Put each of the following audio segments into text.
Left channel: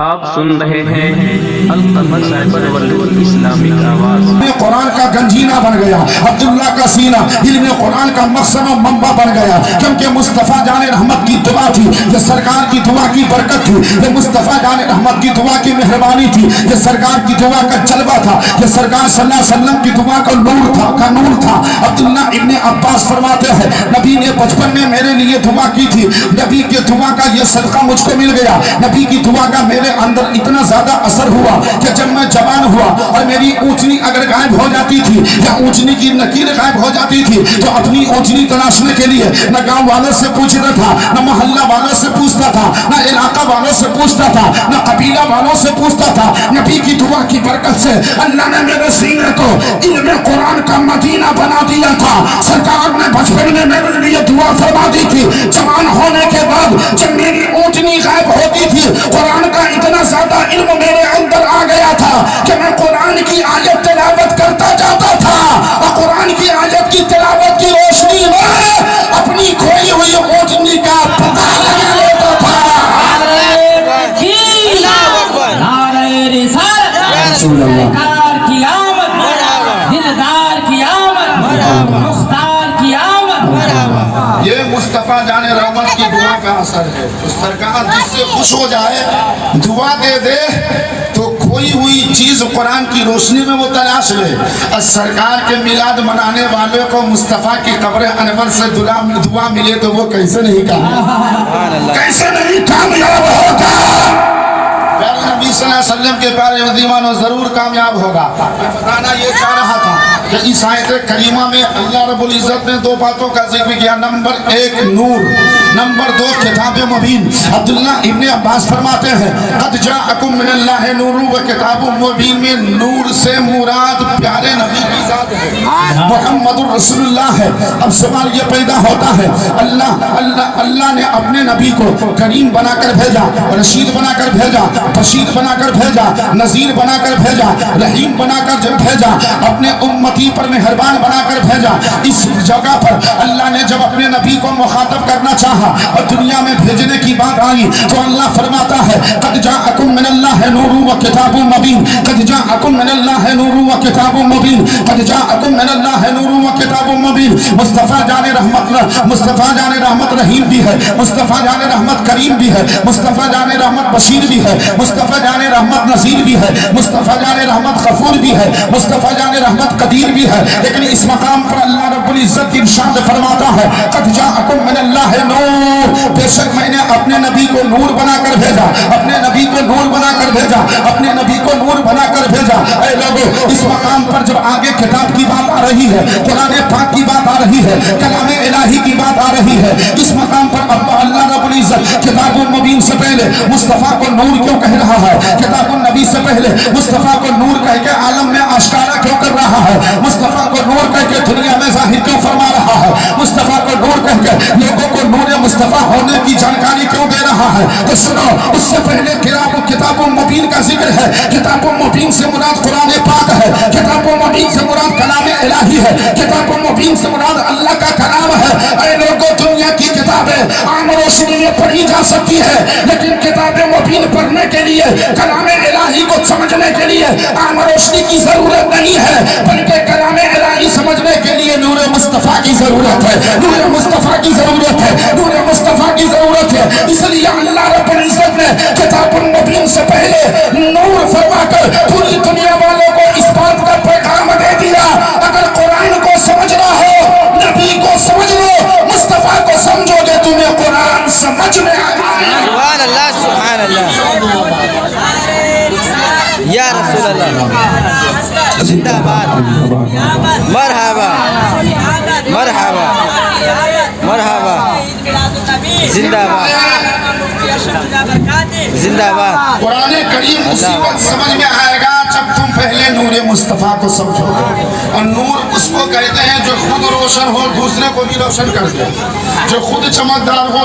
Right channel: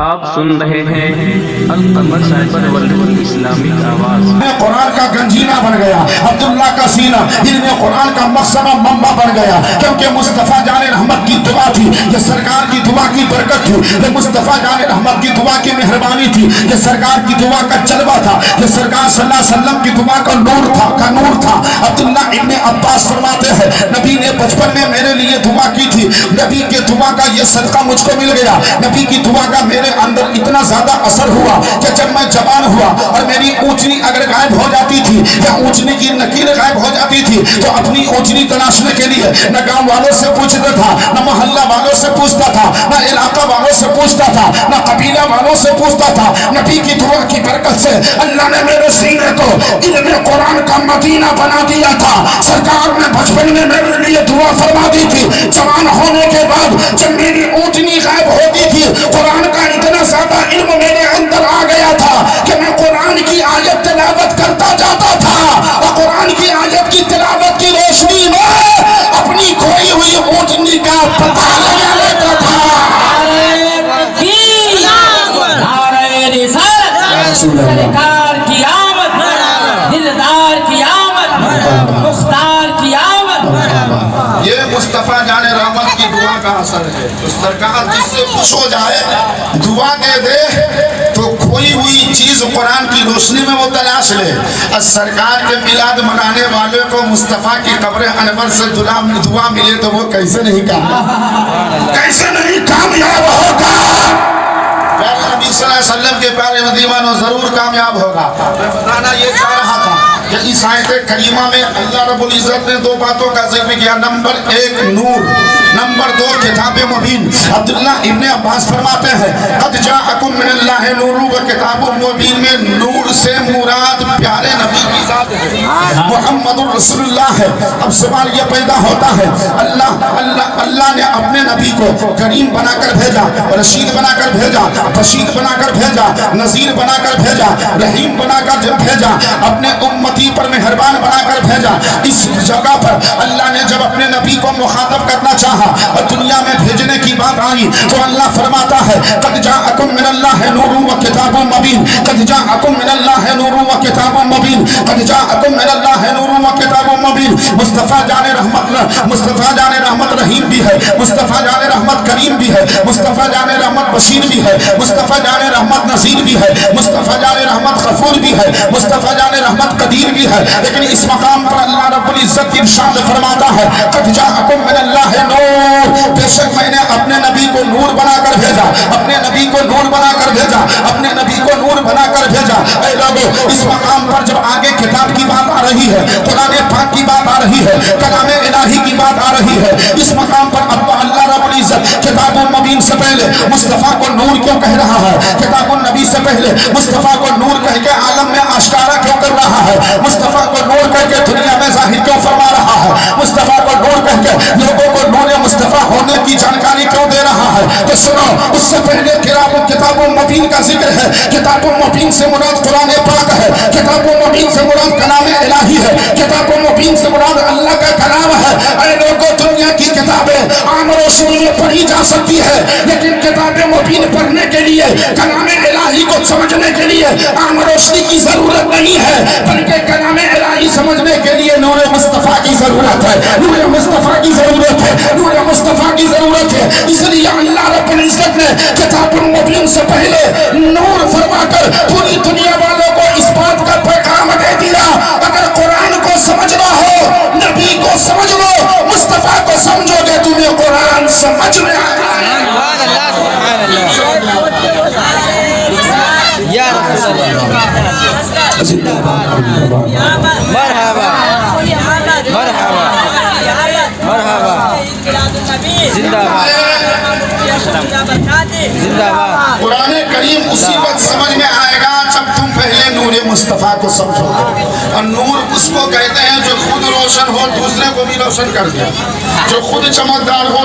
آپ سن رہے ہیں القمر سائبر ورلڈ اسلامک آواز۔ قرآن کا گنجینہ بن گیا، عبداللہ کا سینہ علم قرآن کا مقصمہ منبع بن گیا، کیونکہ مصطفیٰ جان رحمت کی دعا تھی، یہ سرکار کی دعا کی برکت تھی، یہ مصطفیٰ جان رحمت کی دعا کی مہربانی تھی، یہ سرکار کی دعا کا جلوہ تھا، یہ سرکار صلی اللہ علیہ وسلم کی دعا کا نور تھا۔ عبداللہ ابن عباس فرماتے ہیں نبی نے بچپن میں میرے لیے دعا کی تھی، نبی کے دعا کا یہ صدقہ مجھ کو مل گیا، نبی کی دعا کا میرے اندر اتنا زیادہ اثر ہوا کہ جب میں جوان ہوا اور میری اونچنی اگر غائب ہو جاتی تھی یا اونچنی کی نکیر غائب ہو جاتی تھی تو اپنی اونچنی تلاشنے کے لیے نہ گاؤں والوں سے پوچھتا تھا، نہ محلہ والوں سے پوچھتا تھا، نہ علاقہ والوں سے پوچھتا تھا، نہ قبیلہ والوں سے پوچھتا تھا۔ نبی کی دعا کی برکت سے اللہ نے میرے سینے کو علم قرآن کا مدینہ بنا دیا تھا۔ سرکار نے بچپن میں میرے لیے دعا فرما دی تھی، جوان ہونے کے بعد جب میری اونچنی غائب ہوتی تھی قرآن کا اتنا زیادہ علم میرے اندر آ گیا تھا کہ میں قرآن کی آیت تلاوت کرتا جاتا تھا اور قرآن کی آیت کی تلاوت کی روشنی میں اپنی کھوئی ہوئی اونچنی کا پتہ لگا لیتا تھا۔ سرکار کی آمد، دلدار کی آمد، مختار کی آمد، یہ مصطفیٰ جان رحمت کی دعا کا اثر ہے۔ تو سرکار جس سے خوش ہو جائے دعا دے دے تو کھوئی ہوئی چیز قرآن کی روشنی میں وہ تلاش لے۔ اور سرکار کے میلاد منانے والے کو مصطفیٰ کی قبر انور سے دعا ملے تو وہ کیسے نہیں کامیاب ہوگا؟ نبی صلی اللہ علیہ وسلم کے پیارے مدیمانوں ضرور کامیاب ہوگا۔ میں بتانا یہ چاہ رہا تھا کہ اس آیت کریمہ میں اللہ رب العزت نے دو باتوں کا ذکر کیا، نمبر ایک نور، نمبر دو کتاب مبین۔ عبداللہ ابن عباس فرماتے ہیں قد جاءکم من اللہ نور و کتاب مبین میں نور سے مراد پیارے نبی کی ذات ہے، محمد رسول اللہ ہے۔ اب سوال یہ پیدا ہوتا ہے اللہ نے اپنے نبی کو کریم بنا کر بھیجا، رشید بنا کر بھیجا، رشید بنا کر بھیجا، نذیر بنا کر بھیجا، رحیم بنا کر بھیجا، اپنے امتی پر مہربان بنا کر بھیجا۔ اس جگہ پر اللہ نے جب اپنے نبی کو مخاطب کرنا چاہا اور دنیا میں بھیجنے کی بات آئی تو اللہ فرماتا ہے قد جاءکم من اللہ نور و کتاب مبین، قد جاءکم من اللہ نور و کتاب مبین، قد جاءکم من اللہ نور و کتاب مبین۔ مصطفیٰ جان رحمت رحیم بھی ہے، مصطفیٰ جان رحمت کریم بھی ہے، مصطفیٰ جان رحمت بشیر بھی ہے، مصطفیٰ جان رحمت نذیر بھی ہے، مصطفیٰ جان رحمت غفور بھی ہے، مصطفیٰ جان رحمت قدیر بھی ہے۔ لیکن اس مقام پر اللہ رب العزت ارشاد فرماتا ہے قد جاءکم من اللہ نور، بے شک میں نے اپنے نبی کو نور بنا کر بھیجا، اپنے نبی کو نور بنا کر بھیجا، اپنے نبی کو نور بنا کر بھیجا۔ اے لوگو اس مقام پر جب آگے کتاب کی بات آ رہی ہے، قرآن پاک کی بات آ رہی ہے، کلام الہی کی بات آ رہی ہے، اس مقام پر اللہ رب العزت کتاب المبین سے پہلے مصطفیٰ کو نور کیوں کہہ رہا ہے؟ کتاب النبی سے پہلے مصطفیٰ کو نور کہہ کے عالم میں آشکارا کیوں کر رہا ہے؟ مصطفیٰ کو نور کہہ کے دنیا میں ظاہر کیوں فرما رہا ہے؟ مصطفیٰ کو نور کہہ کے لوگوں کو نور مصطفیٰ ہونے کی جانکاری کیوں دے رہا ہے؟ تو سنو، اس سے پہلے کتاب المبین کا ذکر ہے۔ کتاب المبین سے مراد قرآن پاک ہے، کتاب المبین سے مراد کلام الہی ہے، کتاب المبین سے مراد اللہ کا کلام ہے۔ اے لوگوں دنیا کی کتابیں عام روشنی میں پڑھی جا سکتی ہے، لیکن کتاب مبین پڑھنے کے لیے کلام الہی کو سمجھنے کے لیے عام روشنی کی ضرورت نہیں ہے، بلکہ کلام الہی سمجھنے کے لیے نور مصطفیٰ کی ضرورت ہے، نور مصطفیٰ کی ضرورت ہے، نور مصطفیٰ کی ضرورت ہے۔ اس لیے اللہ رب العزت نے کتاب المبین سے پہلے نور فرما کر پوری دنیا والوں کو اس بات کا پیغام دے دیا اگر قرآن کو سمجھنا ہو، نبی کو سمجھ لو، مصطفیٰ کو سمجھو گے تمہیں قرآن سمجھ میں آئے گا۔ یا رسول اللہ، زندہ باد، مرحبا مرحبا مرحبا، زندہ باد زندہ باد۔ قرآن کریم اسی وقت سمجھ میں آئے گا جب تم پہلے نور مصطفیٰ کو سمجھو گے۔ اور نور اس کو کہتے ہیں جو خود روشن ہو دوسرے کو بھی روشن کر دے، جو خود چمکدار ہو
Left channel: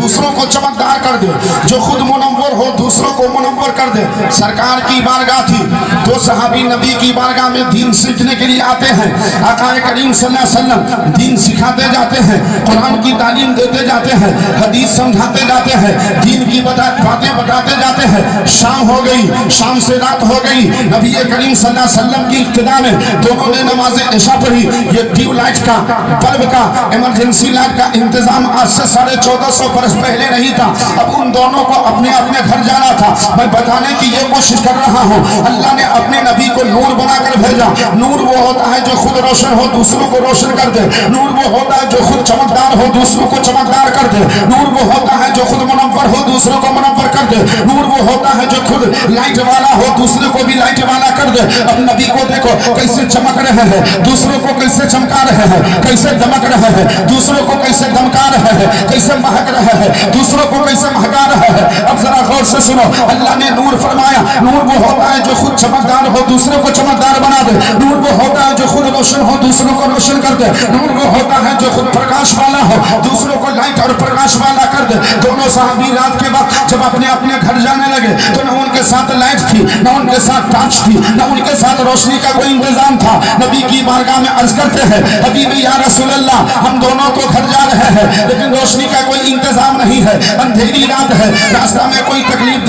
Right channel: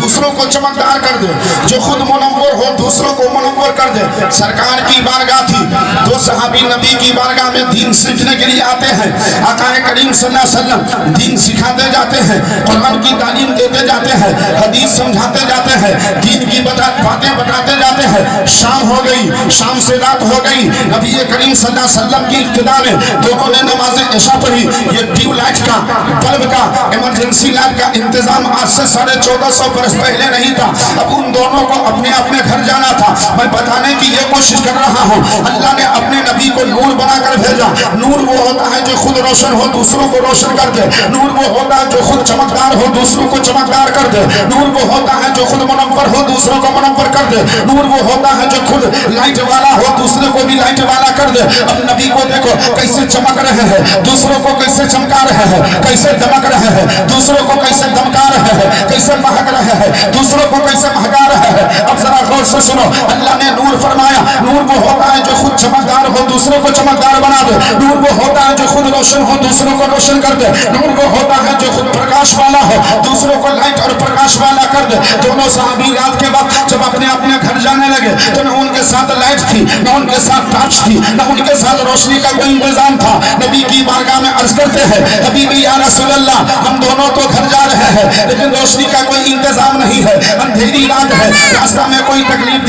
دوسروں کو چمکدار کر دے، جو خود منور ہو دوسروں کو منور کر دے۔ سرکار کی بارگاہ تھی، دو صحابی نبی کی بارگاہ میں دین سیکھنے کے لیے آتے ہیں، آقا کریم صلی اللہ علیہ وسلم دین سکھاتے جاتے ہیں، قرآن کی تعلیم دیتے جاتے जाते हैं, हदीस समझाते जाते हैं, दीन की बातें बताते जाते हैं। शाम हो गई, शाम से रात हो गई, नबी करीम सल्लल्लाहु अलैहि वसल्लम की इब्तिदा में दोनों ने नमाज इशा पढ़ी। ये ट्यूब लाइट का, बल्ब का, इमरजेंसी लाइट का इंतजाम आज से 1450 बरस पहले नहीं था। अब उन दोनों को अपने अपने घर जाना था। मैं बताने की ये कोशिश कर रहा हूँ, अल्लाह ने अपने नबी को नूर बनाकर भेजा। नूर वो होता है जो खुद रोशन हो, दूसरों को रोशन कर दे। नूर वो होता है जो खुद चमकदार हो, दूसरों को चमकदार कर दे। नूर वो होता है जो खुद मुनव्वर हो, दूसरों को मुनव्वर कर दे। नूर वो होता है जो खुद लाइट वाला हो, दूसरे को भी लाइट वाला कर दे। अब नबी को देखो कैसे चमक रहे हैं, दूसरों को कैसे चमका रहे हैं, कैसे दमक रहे हैं, दूसरों को कैसे दमका रहे हैं, कैसे महक रहे हैं, दूसरों को कैसे महका रहे हैं। अब जरा गौर से सुनो, अल्लाह ने नूर फरमाया। नूर वो होता है जो खुद चमकदार हो, दूसरों को चमकदार बना दे। नूर वो होता है जो खुद रोशन हो, दूसरों को रोशन कर दे। नूर वो होता है जो खुद प्रकाश वाला हो, दूसरों को लाइट और प्रकाश वाला कर दे। दोनों सहाबी रात के वक्त जब अपने अपने घर जाने लगे तो न उनके साथ लाइट थी, न उनके साथ टॉर्च थी, न उनके साथ रोशनी का कोई इंतजाम था। नबी की बारगाह में अर्ज करते हैं, हबीबी या रसूल अल्लाह, हम दोनों तो घर जा रहे हैं लेकिन रोशनी का कोई इंतजाम नहीं है, अंधेरी रात है, रास्ता में कोई तकलीफ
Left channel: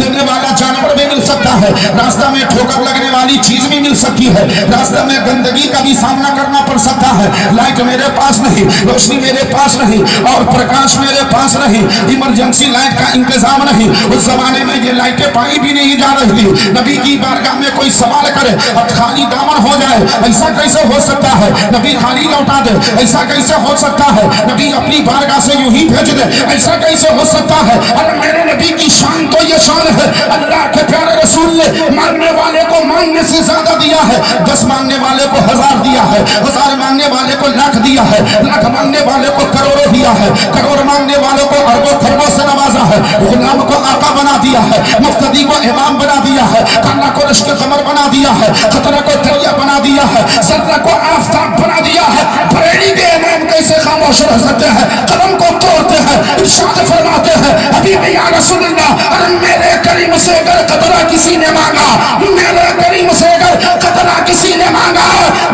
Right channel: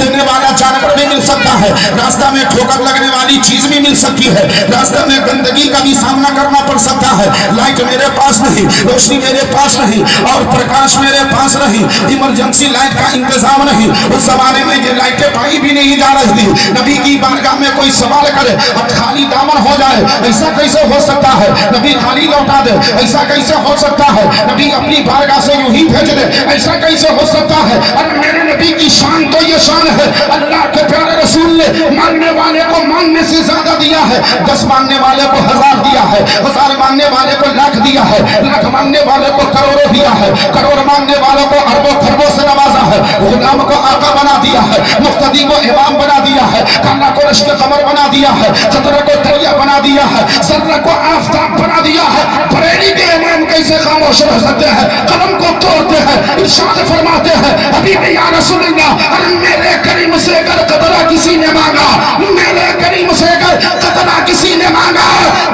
देने वाला जानवर भी मिल सकता है, रास्ता में ठोकर लगने वाली चीज भी मिल सकती है, रास्ता में गंदगी का भी सामना करना पड़ सकता है। लाइट मेरे पास नहीं, रोशनी मेरे पास नहीं और प्रकाश मेरे पास नहीं, इमरजेंसी लाइट का इंतजाम नहीं। उस जमाने में ये लाइटें पाई भी नहीं जा रही थी। नबी की बारगाह में कोई सवाल करे और खाली दामन हो जाए, ऐसा कैसे हो सकता है? नबी खाली लौटा दे, ऐसा कैसे हो सकता है? नबी अपनी बारगाह से यूं ही भेज दे, ऐसा कैसे हो सकता है? अरे मेरे नबी की शान तो ये शान है, अल्लाह के प्यारे रसूल ने मानने वाले को मानने से ज्यादा दिया है, 10 मानने वाले को 1000 दिया है, 1000 मानने वाले को लाख दिया है, लाख मानने वाले को करोड़ों दिया है, करोड़ मानने वालों को अरबों खरबों से नवाजा है, गुलाम को आका बना दिया है, मुक्तदी को इमाम बना दिया है, काला को रश्क कमर बना दिया है, खतरा को दरिया बना दिया है, जर्रा को आफताब बना दिया है। बरेली के इमाम कैसे खामोश रह सकते हैं? कलम को तोड़ते हैं, इरशाद फरमाते हैं, हबीबी या रसूल अल्लाह, अरे मेरे करीम से अगर कतरा किसी ने मांगा, मेरे करीम से अगर कतरा किसी ने मांगा,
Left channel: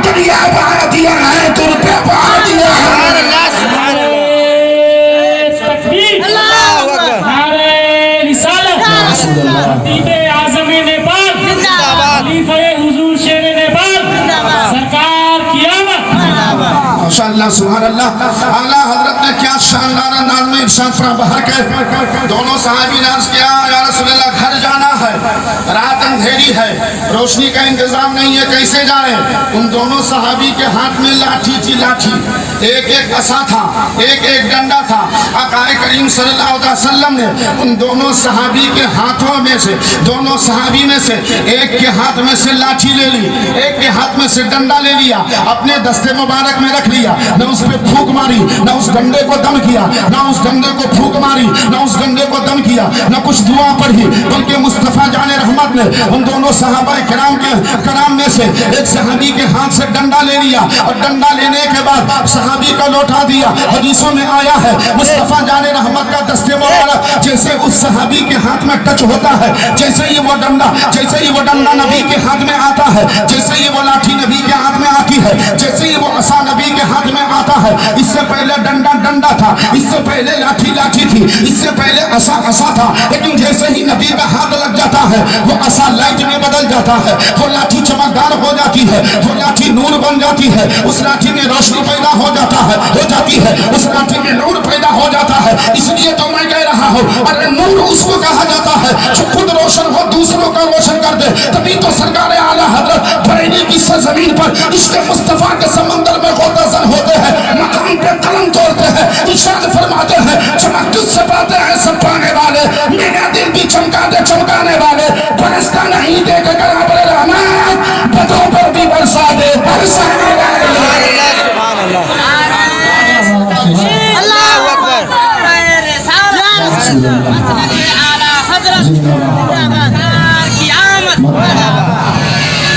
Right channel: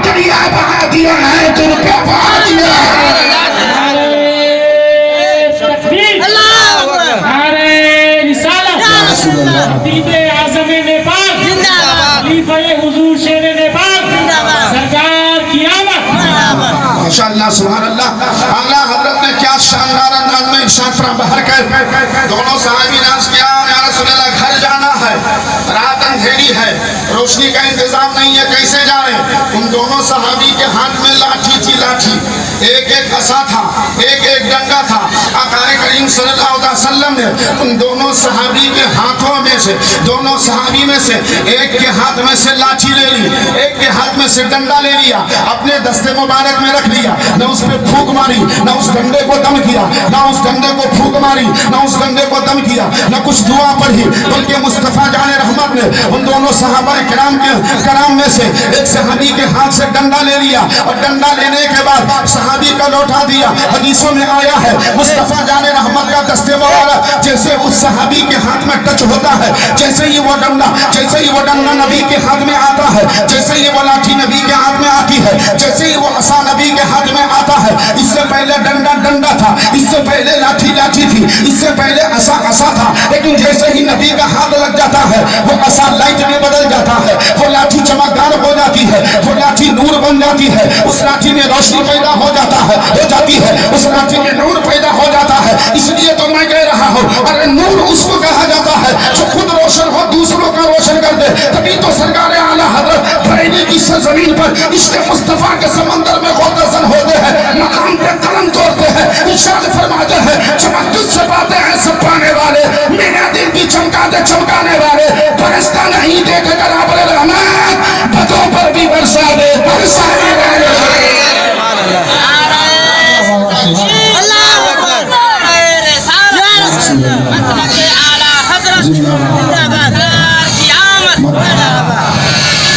दरिया बहा दिया है, तुम पे बहा दिया है। माशाअल्लाह सुभान अल्लाह। आला हजरत ने क्या शानदार अंदाज में इरशाद फरमा कर दोनों सहाबी ने अर्ज किया, या रसूल अल्लाह घर जाना है, रात अंधेरी है, रोशनी का इंतजाम नहीं है, कैसे जाए? उन दोनों सहाबी के हाथ में लाठी थी, लाठी, एक एक असा था, एक एक डंडा था। आकाए करीम सल्लल्लाहु अलैहि वसल्लम ने उन दोनों सहाबी के हाथों में से, दोनों सहाबी में से एक के हाथ में से लाठी ले ली, एक के हाथ में से डंडा ले लिया, अपने दस्ते मुबारक में रख लिया, न उस पे फूंक मारी, न उस डंडे को दम किया, न उस डंडे को फूंक मारी, न उस डंडे को दम किया, न कुछ दुआ पढ़ी, बल्कि मुस्तफा जाने रहमत ने उन दोनों सहाबा कराम में से एक सहाबी के हाथ से डंडा ले लिया और डंडा लेने के बाद सहाबी का लौटा दिया। हदीसों में आया है, मुस्तफा जाने रहमत का दस्ते मुबारक जैसे उस सहाबी के हाथ में टच होता है, जैसे ही वो डंडा नबी के हाथ में आता है, जैसे ही वो लाठी नबी के हाथ में आती है, जैसे ही वो असा नबी के हाथ में आता है। इससे पहले डंडा था, इससे पहले लाठी थी, इससे पहले असा था, लेकिन जैसे ही नबी का हाथ लग जाता है वो असा लाइट में बदल जाता है, वो लाठी चमकदार हो जाती है, वो लाठी नूर बन जाती है, उस लाठी में रोशनी पैदा हो जाती है, उस लाठी में नूर पैदा हो जाता है। इसलिए तो मैं कह रहा हूँ, अरे नूर उसको कहा जाता है जो खुद रोशन हो, दूसरों का रोशन कर दे। तभी तो सरकार आला हजरत बरेली की सरजमीन पर इश्क़ मुस्तफा के समंदर में गुर्रज़न होते हैं, मकाम पे कलम तोड़ते हैं, इरशाद फरमाते हैं, चमक तुझसे पाते हैं सब पाने वाले, मेरा दिल भी चमका दे चमकाने वाले, बरसता नहीं देख कर अबले रहमत, पतों पर भी बरसा दे बरसाने वाले।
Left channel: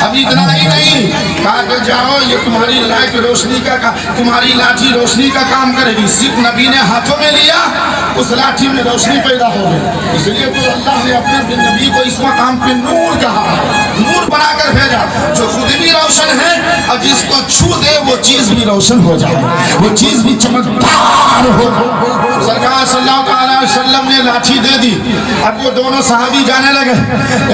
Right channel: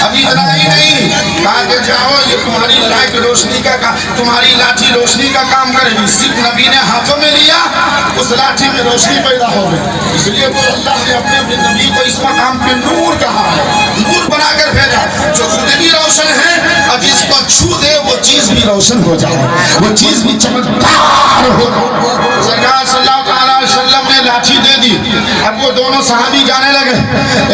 अभी इतना ही नहीं, कहा कि जाओ ये तुम्हारी लाइट रोशनी का तुम्हारी लाठी रोशनी का काम करेगी। सिर्फ नबी ने हाथों में लिया, उस लाठी में रोशनी पैदा हो गई। इसलिए तो अल्लाह ने अपने नबी को इस मकाम पे नूर कहा है, नूर बनाकर भेजा जो खुद भी रोशन है और जिसको छू दे वो चीज भी रोशन हो जाए, वो चीज भी चमकदार हो। सरकार सल्लल्लाहु अलैहि वसल्लम ने लाठी दे दी। अब वो दोनों सहाबी जाने लगे।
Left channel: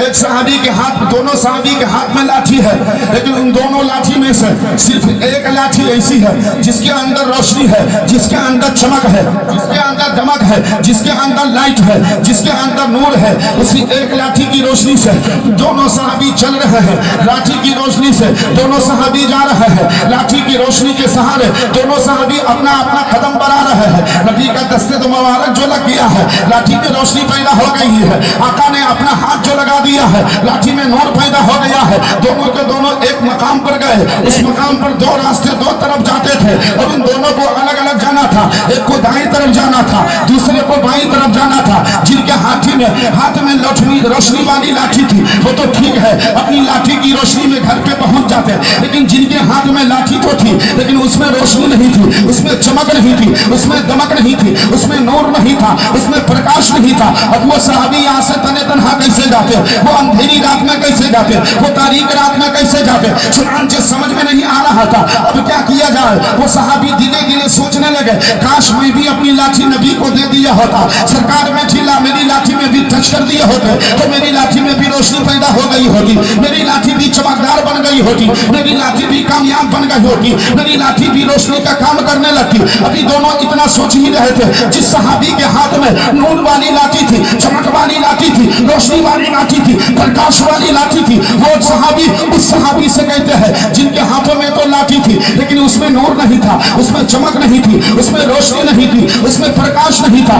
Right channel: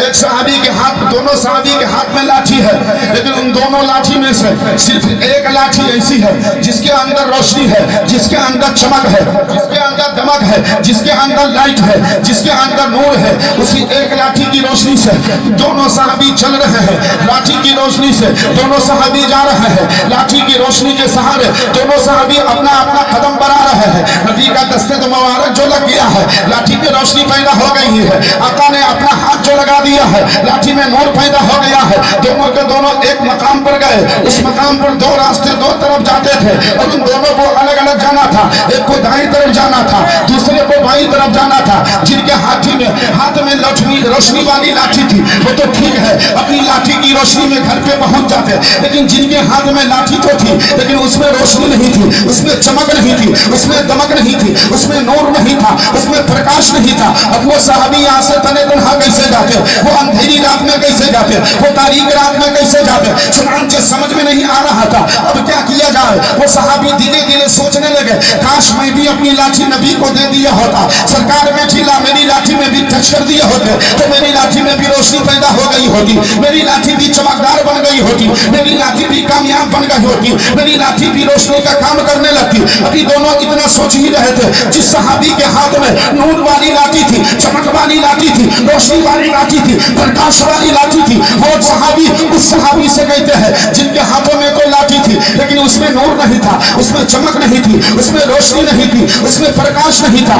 एक सहाबी के हाथ, दोनों सहाबी के हाथ में लाठी है, लेकिन उन दोनों लाठी में से सिर्फ एक लाठी ऐसी है जिसके अंदर रोशनी है, जिसके अंदर चमक है, जिसके अंदर दमक है, जिसके अंदर लाइट है, जिसके अंदर नूर है। उसी एक लाठी की रोशनी से दोनों सहाबी चल रहे हैं। लाठी की रोशनी से दोनों सहाबी जा रहे हैं। लाठी की रोशनी के सहारे दोनों सहाबी अपना अपना कदम बढ़ा रहे हैं। नबी का दस्ते तो मुबारक जो लग गया है, लाठी की रोशनी पैदा हो गई है। आका ने अपना हाथ जो लगा दिया है, लाठी में नूर पैदा हो गया है। दोनों के दोनों एक मकाम पर गए। उस मकाम पर दो रास्ते दो तरफ जाते थे और उन दोनों को अलग अलग जाना था। एक को दाईं तरफ जाना था, दूसरे को बाईं तरफ जाना था। जिनके हाथ में रोशनी वाली लाठी थी वो तो ठीक है, अपनी लाठी की रोशनी में घर पे पहुंच जाते, लेकिन जिनके हाथ में लाठी तो थी लेकिन उसमें रोशनी नहीं थी, उसमें चमक नहीं थी, उसमें दमक नहीं थी, उसमें नूर नहीं था, उसमें प्रकाश नहीं था। अब वो सहाबी यहाँ से तने तनहा कैसे जाते, वो अंधेरी रात में कैसे जाते, वो तारीख रात में कैसे जाते, चुनांचे समझ में नहीं आ रहा था। अब क्या किया जाए? वो सहाबी धीरे धीरे सोचने लगे, काश मैं भी अपनी लाठी नबी को दे दिया होता, सरकार में ठीला मेरी लाठी में भी टच कर दिया होते तो मेरी लाठी में भी रोशनी पैदा हो गई होती, मेरी लाठी भी चमकदार बन गई होती, मेरी लाठी भी कामयाब बन गई होती, मेरी लाठी भी रोशनी का काम करने लगती। अभी दोनों इतना सोच ही रहे थे। जिस सहाबी के हाथ में नूर वाली लाठी थी, चमक वाली लाठी थी, रोशनी वाली लाठी थी, प्रकाश वाली लाठी थी, वो सहाबी उस सहाबी से कहते हैं जिनके हाथों में तो लाठी थी लेकिन उसमें नूर नहीं था, उसमें चमक नहीं थी, उसमें रोशनी नहीं थी, उसमें प्रकाश नहीं था।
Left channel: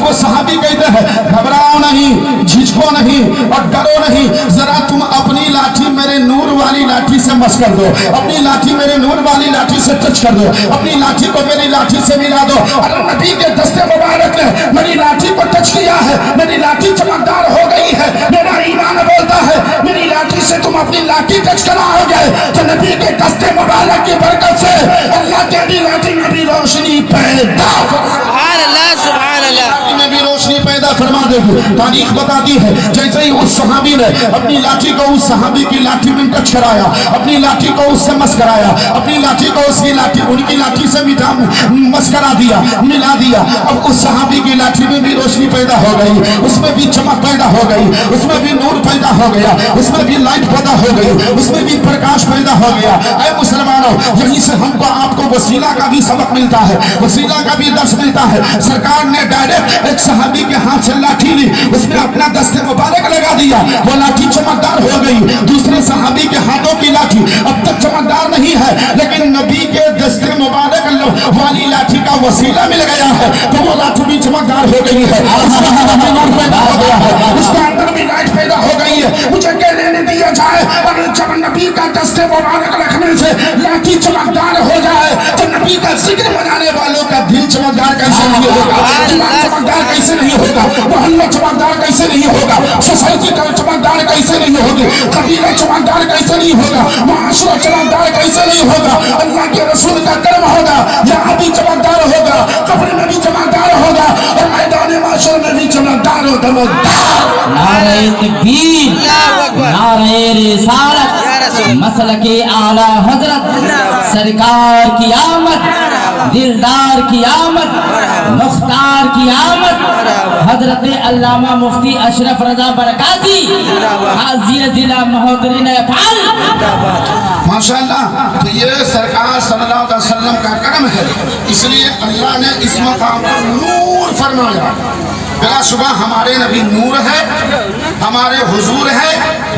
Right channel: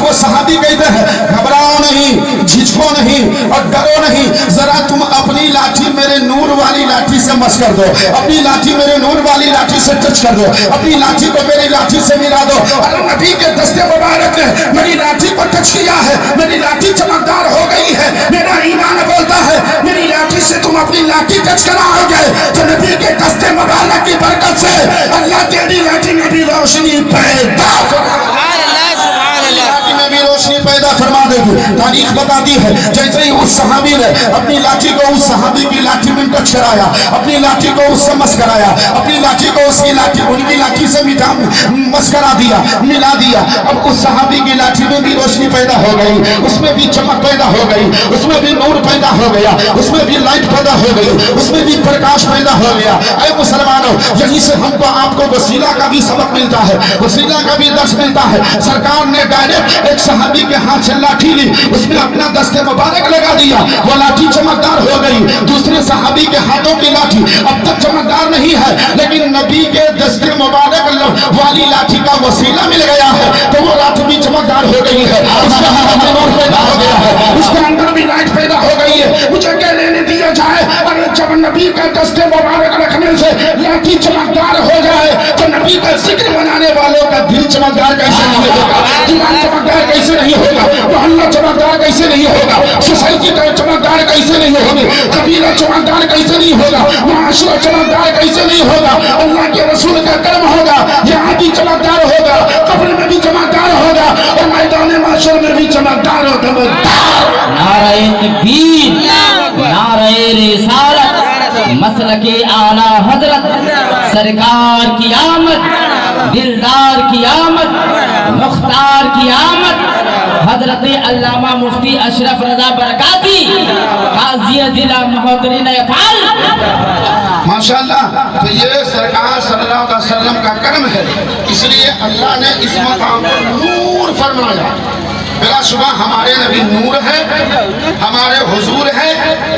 वो सहाबी कहते हैं घबराओ नहीं, झिझको नहीं और डरो नहीं, जरा तुम अपनी लाठी मेरे नूर वाली लाठी से मस कर दो, अपनी लाठी मेरे नूर वाली लाठी से टच कर दो, अपनी लाठी को मेरी लाठी से मिला दो। और नबी के दस्ते मुबारक ने मेरी लाठी को टच किया है, मेरी लाठी चमकदार हो गई है। मेरा ईमान बोलता है मेरी लाठी से तुम अपनी लाठी टच कराओगे तो नबी के दस्ते मुबारक की बरकत से अल्लाह तेरी लाठी में भी रोशनी पैदा में भी रोशनी पैदा फरमा देगी। तारीख बताती है जैसे ही उस सहाबी ने अपनी लाठी को उस सहाबी की लाठी में टच कराया, अपनी लाठी को उससे मस कराया, अपनी लाठी को उसकी लाठी उनकी लाठी से मस करा दिया, मिला दिया। अब उस सहाबी की लाठी में भी रोशनी पैदा हो गई, उसमें भी चमक पैदा हो गई, उसमें भी नूर पैदा हो गया, उसमें भी लाइट पैदा हो गई, उसमें भी प्रकाश पैदा हो गया। ऐ मुसलमानों, यहीं से हमको आपको वसीला का भी सबक मिलता है, वसीला का भी दर्श मिलता है। सरकार ने डायरेक्ट एक सहाबी के हाथ से लाठी ली, उसमें अपना दस्ते मुबारक लगा दिया, वो लाठी चमकदार हो गई। दूसरे सहाबी के हाथों की लाठी अब तक चमकदार नहीं है, लेकिन नबी के दस्ते मुबारक वाली लाठी का वसीला मिल गया है तो वो लाठी भी चमकदार हो गई है, उसके अंदर भी लाइट पैदा हो गई है। मुझे क्या लेने दिया जाए? और जब नबी का दस्ते मुबारक रखने से लाठी चमकदार हो जाए तो नबी का जिक्र मनाने वालों का दिल चमकदार कैसे नहीं होगा, चमकदार कैसे नहीं होगा, मोहल्ला चमकदार कैसे नहीं होगा, सोसाइटी का चमकदार कैसे नहीं होगी, कबीला चमकदार कैसे नहीं होगा, मुआशरा चमकदार कैसे नहीं होगा। अल्लाह के रसूल का कर्म होगा, यहाँ भी चमकदार होगा, कब्र में भी चमकदार होगा और मैदान माशर में भी चमकदार होगा। नारे तकबीर, नारे रिसालत, मसलके आला हजरत, सरकार की आमद, दिलदार की आमद, मुख्तार की आमद, हजरत अल्लामा मुफ्ती अशरफ रजा बरकाती काज़ी जिला महोदरीन अफाल। माशाअल्लाह, तो ये सरकार सल्लल्लाहु अलैहि वसल्लम का कर्म है, इसलिए अल्लाह ने इस मकाम पर नूर फरमाया। बिला शुबा हमारे नबी नूर है, हमारे हुजूर है,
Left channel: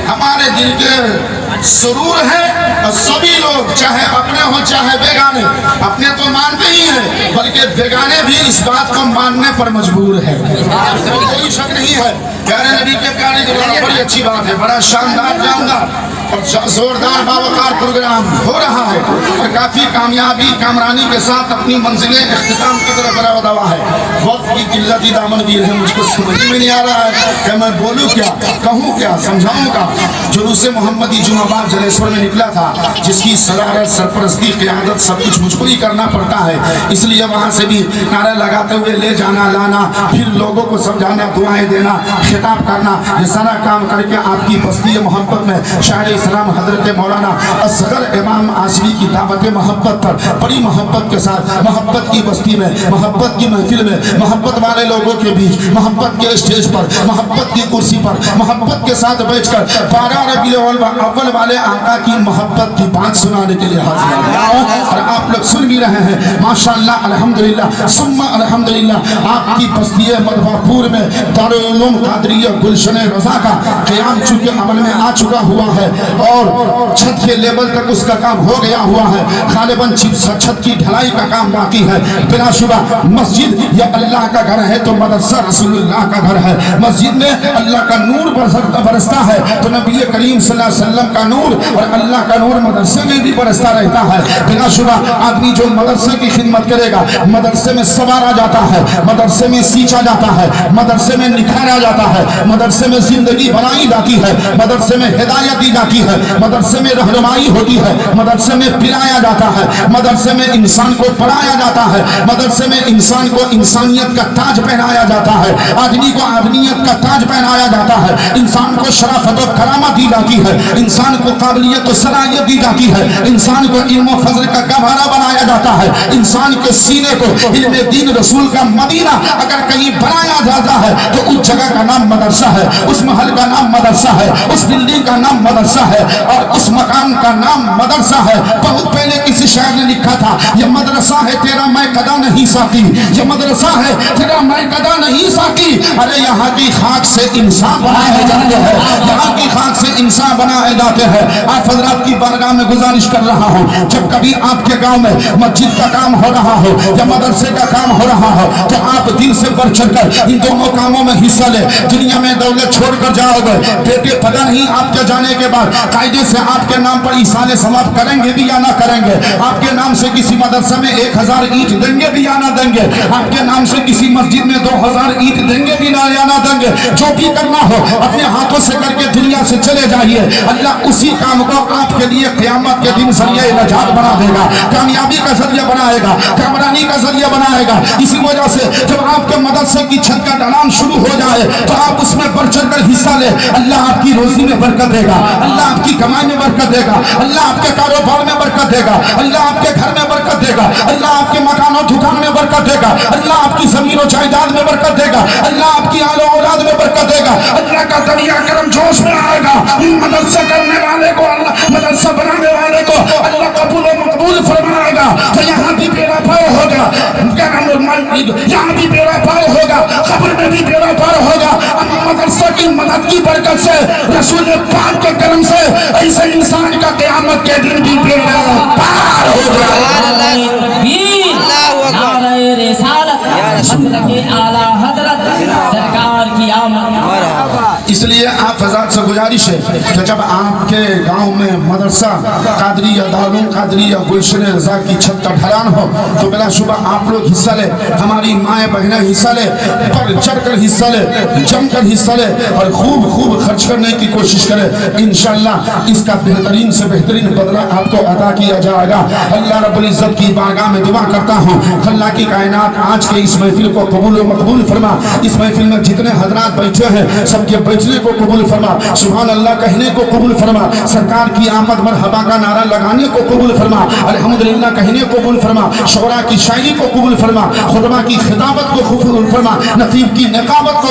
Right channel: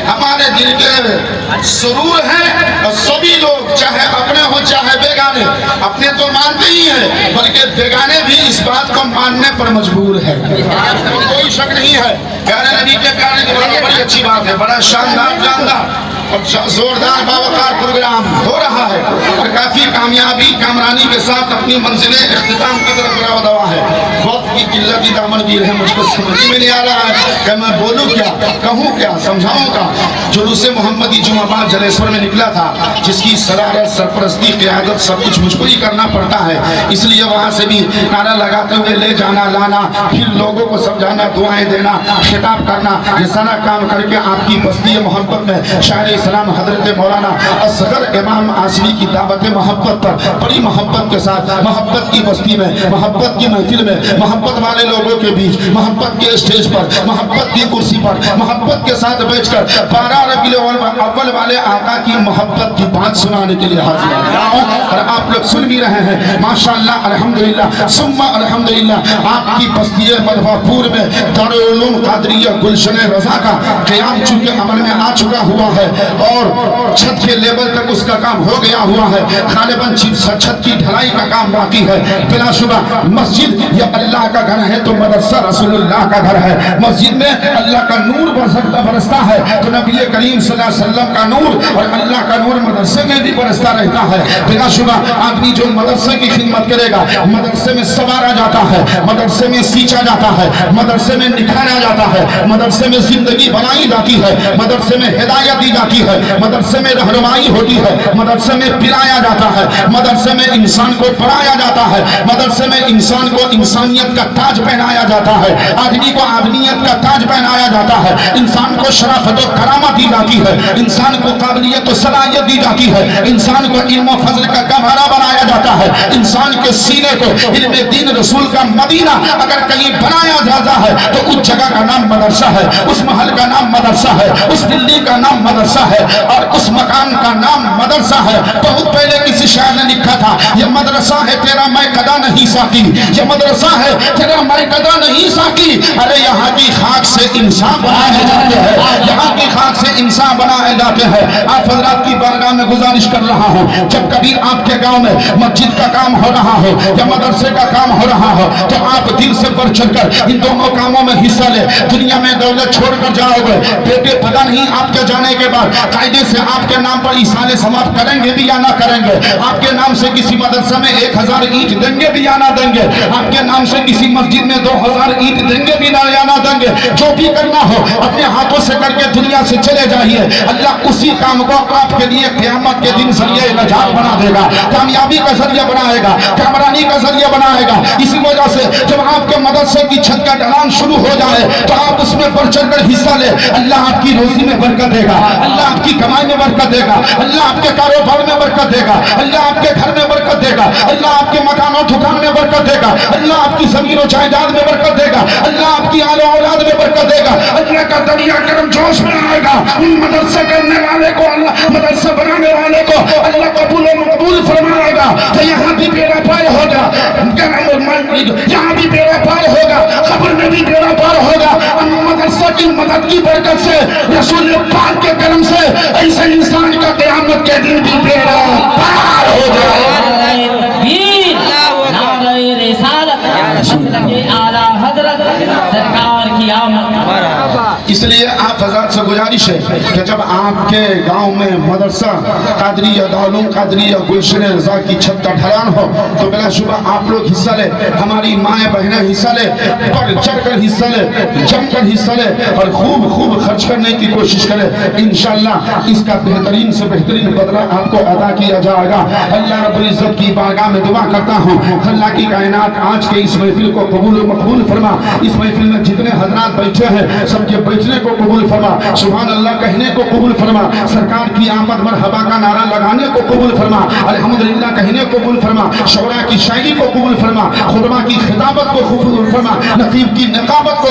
हमारे दिल के सुरूर है। और सभी लोग चाहे अपने हो चाहे बेगाने, अपने तो मानते ही हैं बल्कि बेगाने भी इस बात को मानने पर मजबूर है, कोई शक नहीं है। प्यारे नबी के प्यारे दीवाना बड़ी अच्छी बात है, बड़ा शानदार जानदार और जोरदार बावकार प्रोग्राम हो रहा है और काफी कामयाबी कामरानी के साथ अपनी मंजिलें इख्तिताम कदर बरा दवा है। बहुत की किल्लत दामन गिर है, मुझको समझ में नहीं आ रहा है कि मैं बोलूं क्या, कहूं क्या, समझाऊंगा। जुलूस मोहम्मदी जुमाबाद जलेश्वर में निकला था, जिसकी सदारत, सरपरस्ती, क़यादत सब कुछ मुझको ही करना पड़ता है। इसलिए वहां से भी नारा लगाते हुए ले जाना, लाना, फिर लोगों को समझाना, दुआएं देना, खिताब करना, ये सारा काम करके आपकी बस्ती मोहब्बत में शायर इस्लाम हजरत मौलाना असगर इमाम आसिमी की दावत मोहब्बत पर बड़ी मोहब्बत के साथ, मोहब्बत की बस्ती में, मोहब्बत की महफिल में, मोहब्बत वाले लोगों के बीच, मोहब्बत के स्टेज पर, मोहब्बत की कुर्सी पर, मोहब्बत के साथ बैठकर 12 रबीउल अव्वल वाले आका की मोहब्बत की बात सुनाने के लिए हाजिर हूं। और आप लोग सुन भी रहे हैं माशाअल्लाह, अल्हम्दुलिल्लाह, सुम्मा अल्हम्दुलिल्लाह। आपकी बस्ती मधवापुर में दारुल उलूम कादरिया गुलशन रजा का क़याम चूंकि अमल में आ चुका हुआ है और छत के लेवल तक उसका काम हो गया हुआ है, गालिबन छत की ढलाई का काम बाकी है। बिलाशुबा मस्जिद या अल्लाह का घर है तो मदरसा रसूलुल्लाह का घर है। मस्जिद में अल्लाह का नूर बरसता है तो नबी करीम सल्लल्लाहु अलैहि वसल्लम का नूर और अल्लाह का नूर मदरसे में भी बरसता रहता है। बिलाशुबा आदमी जो मदरसे की खिदमत करेगा, मदरसे में संवारा जाता है, मदरसे में सींचा जाता है, मदरसे में निखारा जाता है, मदरसे में जिंदगी बनाई जाती है, मदरसे में हिदायत दी जाती है, मदरसे में रहनुमाई होती है, मदरसे में पिलाया जाता है, मदरसे में इंसान को पढ़ाया जाता है, मदरसे में इंसान को इंसानियत का ताज पहनाया जाता है, आदमी को आदमियत का ताज पहनाया जाता है, इंसान को शराफत और करामत दी जाती है, इंसान को काबिलियत और सलाहियत दी जाती है, इंसान को इल्म और फजल का गहरा बनाया जाता है, इंसान के सीने को इल्म दीन रसूल का मदीना अगर कहीं बनाया जाता है तो उस जगह का नाम मदरसा है, उस महल का नाम मदरसा है, उस बिल्डिंग का नाम मदरसा है और उस मकान का नाम मदरसा है। बहुत पहले किसी शायर ने लिखा था, ये मदरसा है तेरा मैं कदा नहीं साकी, ये मदरसा है तेरा मैं कदा नहीं साकी। अरे यहाँ की खाक से इंसान बनाए जाते हैं, यहाँ की खाक से इंसान बनाए जाते हैं। आप हजरात की बारगाह में गुजारिश कर रहा हूँ, जब कभी आपके गांव में मस्जिद का काम हो रहा हो या मदरसे का काम हो रहा हो तो आप दिल से बढ़ चढ़कर इन दोनों कामों में हिस्सा ले। दुनिया में दौलत छोड़कर जाओगे बेटे, पता नहीं आपके जाने के बाद कायदे से आपके नाम पर इसाले समाप्त करेंगे भी या ना करेंगे, आपके नाम से किसी मदरसे में 1000 ईंट देंगे भी या ना देंगे, आपके नाम से किसी मस्जिद में 2000 ईंट देंगे भी ना या ना देंगे। जो भी करना हो अपने हाथों से करके दुनिया से चले जाइए, अल्लाह उसी काम को आपके लिए क़यामत के दिन जरिए नजात बना देगा, कामयाबी का जरिया बनाएगा, कामरानी का जरिया बनाएगा। इसी वजह से जब आपके मदरसे की छत का ढलान शुरू हो जाए तो आप उसमें बढ़ चढ़कर हिस्सा ले। अल्लाह आपकी रोजी में बरकत देगा, अल्लाह आपकी कमाई में बरकत देगा, अल्लाह आपके कारोबार में बरकत देगा, अल्लाह आपके घर में बरकत देगा, अल्लाह आपके मकान और दुकान में बरकत देगा, अल्लाह आपकी जमीन और जायदाद में बरकत देगा, अल्लाह आपकी आले औलाद में बरकत देगा। अल्लाह का दरिया करम जोश में आएगा। मदरसा करने वाले को अल्लाह, मदरसा बनाने वाले को अल्लाह कबूल और मकबूल फरमाएगा। तो यहाँ भी बेड़ा पार होगा, यहाँ भी बेड़ा पार होगा, खबर में भी बेड़ा पार होगा। मदरसा की मदद की बरकत से, रसूल पाक के करम से ऐसे इंसान का क़यामत के दिन भी बेड़ा पार हो जाएगा। नारे रिसालत, मसलके आला हजरत, सरकार की आमद। इसलिए आप हजरत से गुजारिश है कि जब आपके गांव में मदरसा कादरिया दारुल कादरिया गुलशन रजा की छत का ढलान हो तो बिलाशुबा आप लोग हिस्सा ले, हमारी माएँ बहनें हिस्सा ले, बढ़ चढ़कर हिस्सा ले, जमकर हिस्सा ले और खूब खूब खर्च करने की कोशिश करें। इंशाअल्लाह इसका बेहतरीन से बेहतरीन बदला आपको अदा किया जाएगा। अल्लाह रब्बुल इज्जत की बारगाह में दुआ करता हूँ, अल्लाह की कायनात आज के इस महफिल को कबूल व मकबूल फरमा। इस महफिल में जितने हजरात बैठे हैं सबके बैठने को कबूल फरमा, सुभान अल्लाह कहने को कबूल फरमा, सरकार की आमद मरहबा का नारा लगाने को कबूल फरमा, अल्हम्दुलिल्लाह कहने को कबूल फरमा, शोरा की शायरी को कबूल फरमा, खुतबा की खिताबत को कबूल फरमा, नतीब की नकाबत को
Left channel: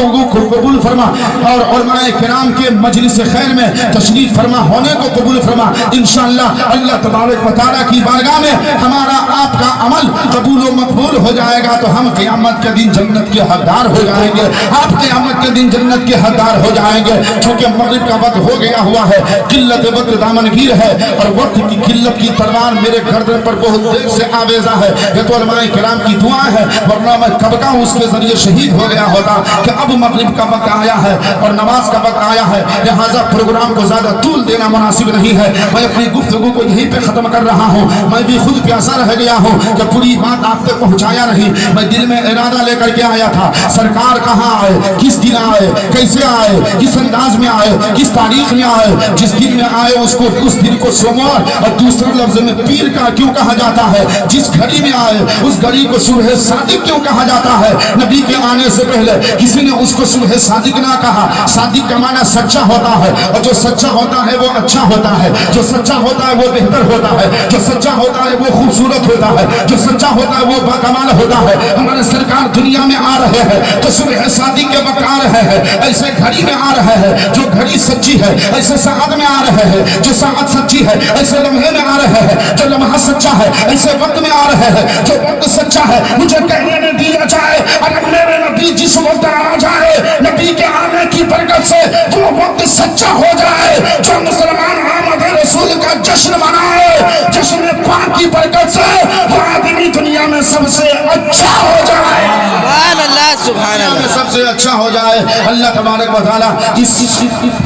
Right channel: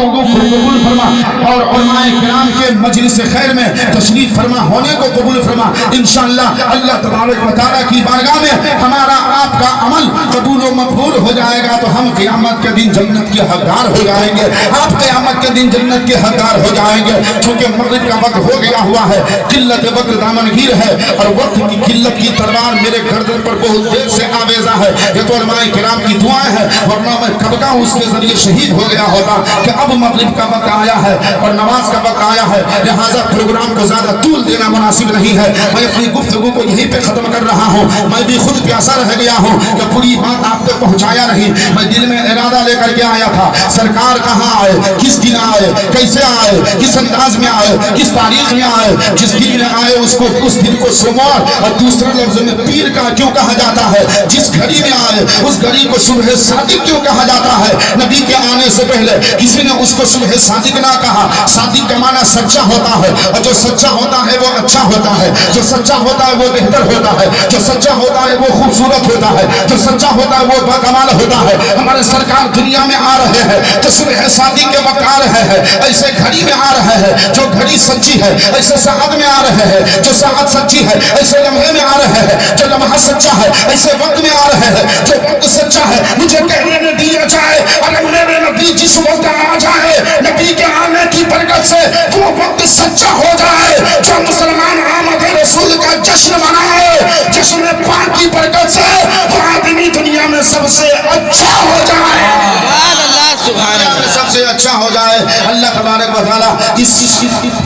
कबूल फरमा और उलमाए किराम के मजलिस खैर में तशरीफ फरमा होने को कबूल फरमा। इंशाअल्लाह अल्लाह तबारक व तआला की बारगाह में हमारा आपका अमल कबूल व मकबूल हो जाएगा तो हम क़यामत के दिन जन्नत के हकदार हो जाएंगे, आप क़यामत के दिन जन्नत के हकदार हो जाएंगे। क्योंकि मगरिब का वक्त हो गया हुआ है, किल्लत वक्त दामनगीर है और वक्त की किल्लत की तलवार मेरे गर्दन पर बहुत देर से आवेजा है। ये तो उलमाए किराम की दुआ है, वरना मैं कब का उसके जरिए शहीद हो गया होता कि अब मगरिब का वक्त आया है और नमाज का वक्त आया है, लिहाजा प्रोग्राम को ज्यादा तूल देना मुनासिब नहीं है। मैं अपनी गुफ्तगू को यहीं पे खत्म कर रहा हूँ। मैं भी खुद प्यासा रह गया हूँ कि पूरी बात आप तक पहुँचाया नहीं। मैं دل میں ارادہ لے کر کے آیا تھا سرکار کہاں آئے, کس دن آئے, کیسے آئے, کس انداز میں آئے, کس تاریخ میں آئے, جس دن میں آئے اس دن کو سوموار اور دوسرے لفظ میں پیر کا کیوں کہا جاتا ہے, جس گھڑی میں آئے اس گھڑی کو صبح صادق کیوں کہا جاتا ہے. نبی کے آنے سے پہلے کسی نے اس کو صبح صادق نہ کہا. صادق کا معنی سچا ہوتا ہے, اور جو سچا ہوتا ہے وہ اچھا ہوتا ہے, جو سچا ہوتا ہے وہ بہتر ہوتا ہے, جو سچا ہوتا ہے وہ خوبصورت ہوتا ہے, جو سچا ہوتا ہے وہ باکمال ہوتا ہے. ہمارے سرکار دنیا میں آ رہے ہیں تو صبح صادق کے وقت آ رہے ہیں, ایسے گھڑی میں آ رہے ہیں جو گھڑی سچی ہے, ایسے ساعت میں آ رہے ہیں جو ساعت سچی ہے, ایسے لمحے میں آ رہے ہیں جو لمحہ سچا ہے, ایسے وقت میں آ رہے ہیں جو وقت سچا ہے. مجھے کہنے میں دیا جائے اگر میرے نبی جس وقت آ جائے نبی کے آنے کی برکت سے وہ وقت سچا ہو جائے, جو مسلمان آمد رسول کا جشن منائے جشن پاک کی برکت سے وہ آدمی دنیا میں سب سے اچھا ہو جائے, سبحان اللہ, سبحان اللہ. سب سے اچھا ہو جائے. اللہ تبارک و تعالیٰ اس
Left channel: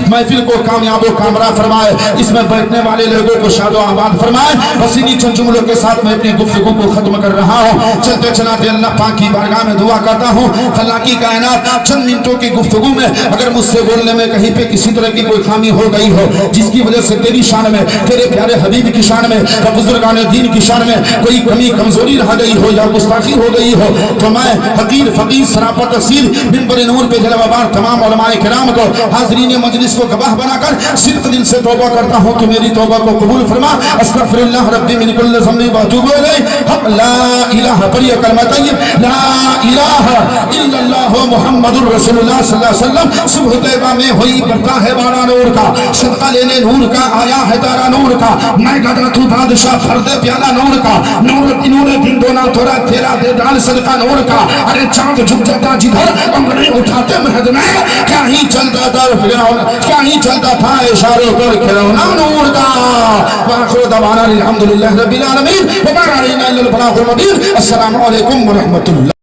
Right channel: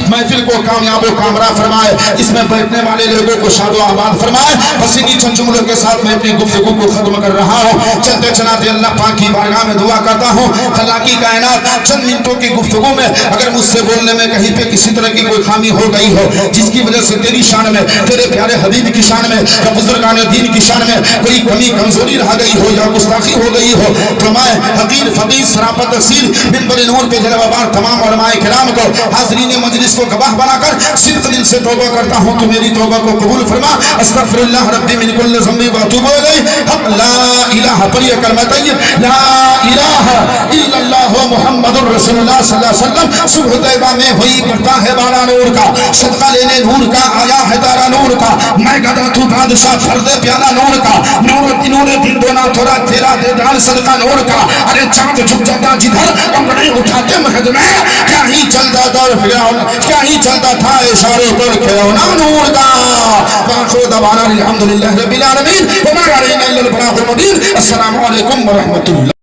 محفل کو کامیاب و کامرا فرمائے, اس میں بیٹھنے والے لوگوں کو شاد و آباد فرمائے. بس انہی چند جملوں کے ساتھ میں اپنی گفتگو کو ختم کر رہا ہوں. چلتے چلاتے اللہ پاک کی بارگاہ میں دعا کرتا ہوں اللہ کی کائنات چند منٹوں کی گفتگو میں اگر مجھ سے بولنے میں کہیں پہ کسی طرح کی کوئی خامی ہو گئی ہو جس کی وجہ سے تیری شان میں, تیرے پیارے حبیب کی شان میں یا بزرگان دین کی شان میں کوئی کمی کمزوری رہ گئی ہو یا گستاخی ہو گئی ہو تو میں حقیر فقیر سراپت تفصیل منبر نور پہ جلوہ بار تمام علماء کرام کو حاضرین مجلس کو گواہ بنا کر صدق دل سے توبہ کرتا ہوں کہ میری توبہ کو قبول فرما. استغفر اللہ ربی من کل ذنب واتوب الیہ. حق لا الہ پر یہ کلمہ طیب لا الہ الا اللہ محمد رسول اللہ صلی اللہ علیہ وسلم. صبح طیبہ میں ہوئی برپا ہے بارہ نور کا, صدقہ لینے نور کا آیا ہے تارا نور کا, میں گدا تو بادشاہ فرد پیالا نور کا, نور دن دونا تھوڑا تیرا دے دان صدقہ نور کا. ارے چاند جھک جاتا جدھر انگڑی اٹھاتے مہد میں کیا ہی چلتا تھا فرعون, کیا ہی چلتا تھا اشاروں پر کھلونا نور کا. وآخر دعوانا الحمدللہ رب العالمین وما علینا الا البلاغ المبین. السلام علیکم ورحمۃ اللہ.